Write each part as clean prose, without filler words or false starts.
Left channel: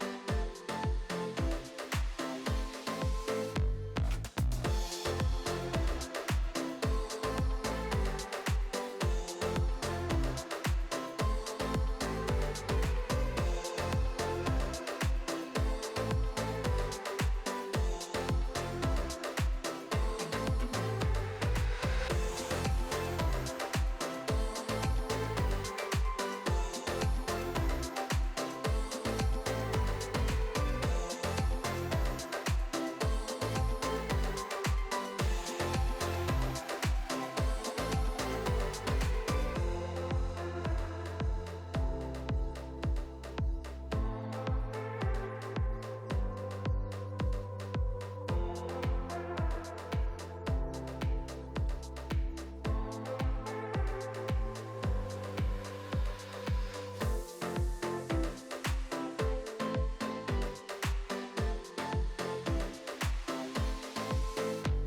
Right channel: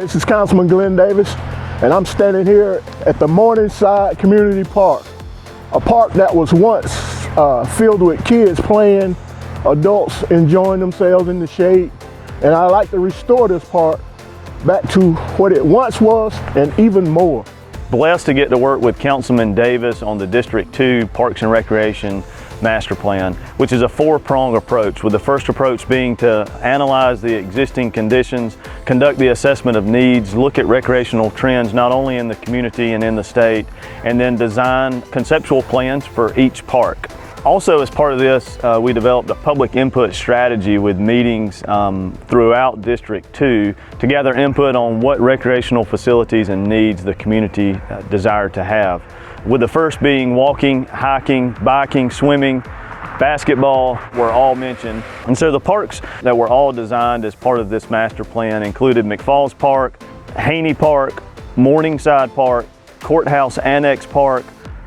This is Councilman Glenn Davis, and I'm standing here at the Morningside Community Park, a park that was once filled with kids playing, adults enjoying themselves in the shade, and I'd like to restore this park back to what it once was and even more. Blessed to get to work with Councilman Davis on the District 2 Parks and Recreation Master Plan, which is a four-prong approach, with the first approach being to analyze the existing conditions, conduct the assessment of needs, look at recreational trends not only in the community and in the state, and then design conceptual plans for each park. Also, as part of this, we developed a public input strategy with meetings throughout District 2 to gather input on what recreational facilities and needs the community desire to have. With the first being walking, hiking, biking, swimming, basketball were all mentioned. And so the parks that were all designed as part of this master plan included McFalls Park, Haney Park, Morningside Park, Courthouse Annex Park,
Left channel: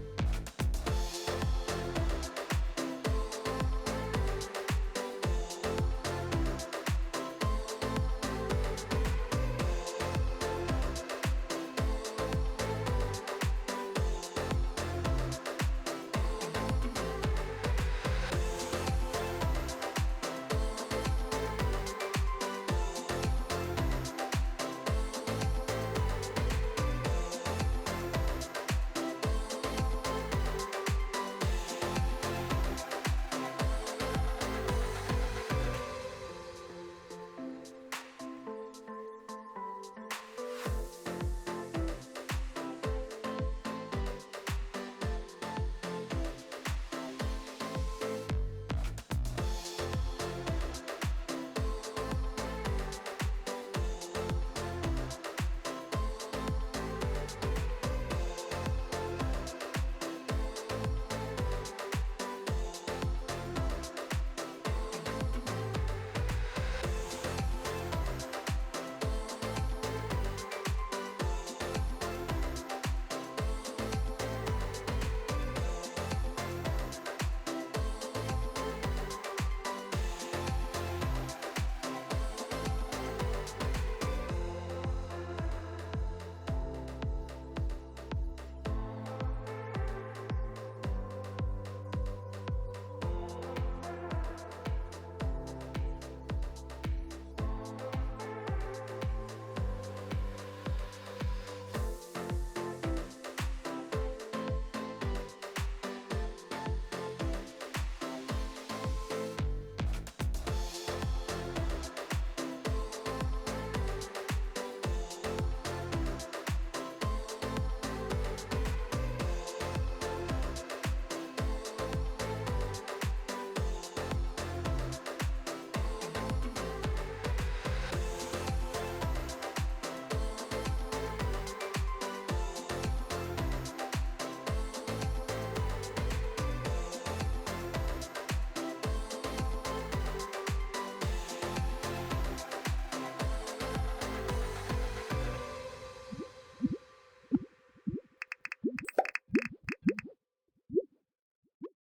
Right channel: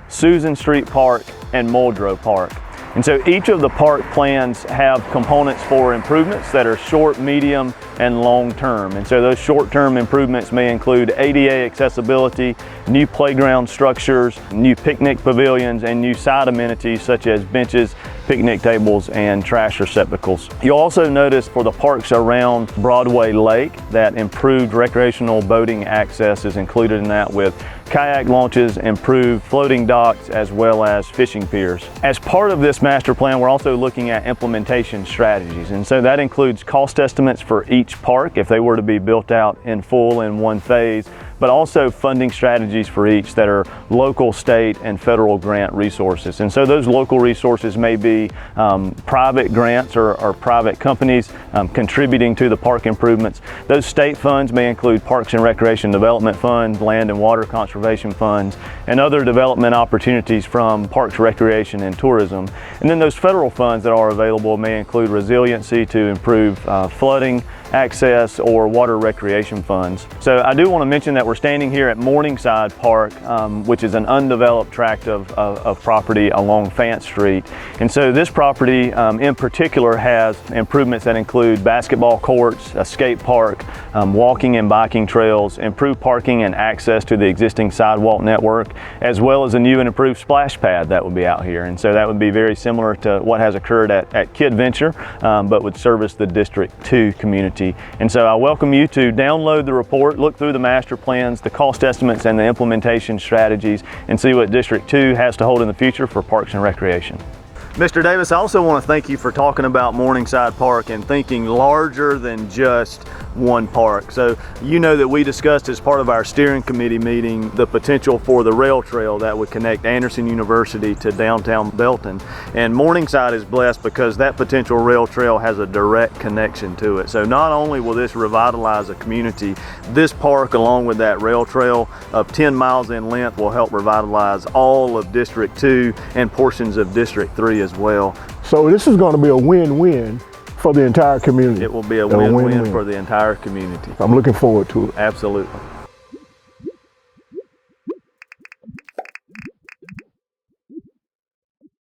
Susan Street Park, and Muldrow Park. And so each of the park plans have components for improvements that are short, medium, and long term. And so those short-term improvements may include ADA accessibility, new playground structures, new picnic pavilions, and new side amenities such as benches, picnic tables, and trash receptacles. You'll also notice for the parks around Broadway Lake that improved recreational boating access is included in that, with kayak launches, improved floating docks, as well as fishing piers. As part of this master plan, we're also looking at implementation strategies, and so that includes cost estimates for each park if they were to be built out in full in one phase, but also funding strategies for each that are local, state, and federal grant resources. And so those local resources may be private grants or private companies contributing to the park improvements. Those state funds may include Parks and Recreation Development Funds, Land and Water Conservation Funds, and other development opportunities from Parks, Recreation, and Tourism. And then those federal funds that are available may include resiliency to improve flooding access or water recreation funds. So I do want to mention that we're standing here at Morningside Park, which is an undeveloped tract of property along Fant Street. And so this property in particular has improvements that include basketball courts, a skate park, walking and biking trails, improved parking and access to the existing sidewalk network, as well as a new and improved splash pad that would be out here. And so that would be very similar to what has occurred at Kid Venture, but would service the District 2 community. And so I welcome you to download the report, look through the master plans, the cost estimates, and the implementation strategies, and see what District 2 has to hold in the future for Parks and Recreation. Mr. Davis, I also want to thank you for talking about Morningside Park and thinking larger than just one park. So you know that we discussed as part of our steering committee meeting the potential for the rail trail that would connect Anderson University to downtown Belton. And Morningside is blessed because that potential rail trail has a direct connection to it. So not only will this revitalize a community, this park along with that rail trail of 10 miles in length will help revitalize all of District 2 and portions of District 3 as well. So this is going to be a win-win for the entire community. It will be a win-win for the entire community. I'm looking forward to it. Absolutely.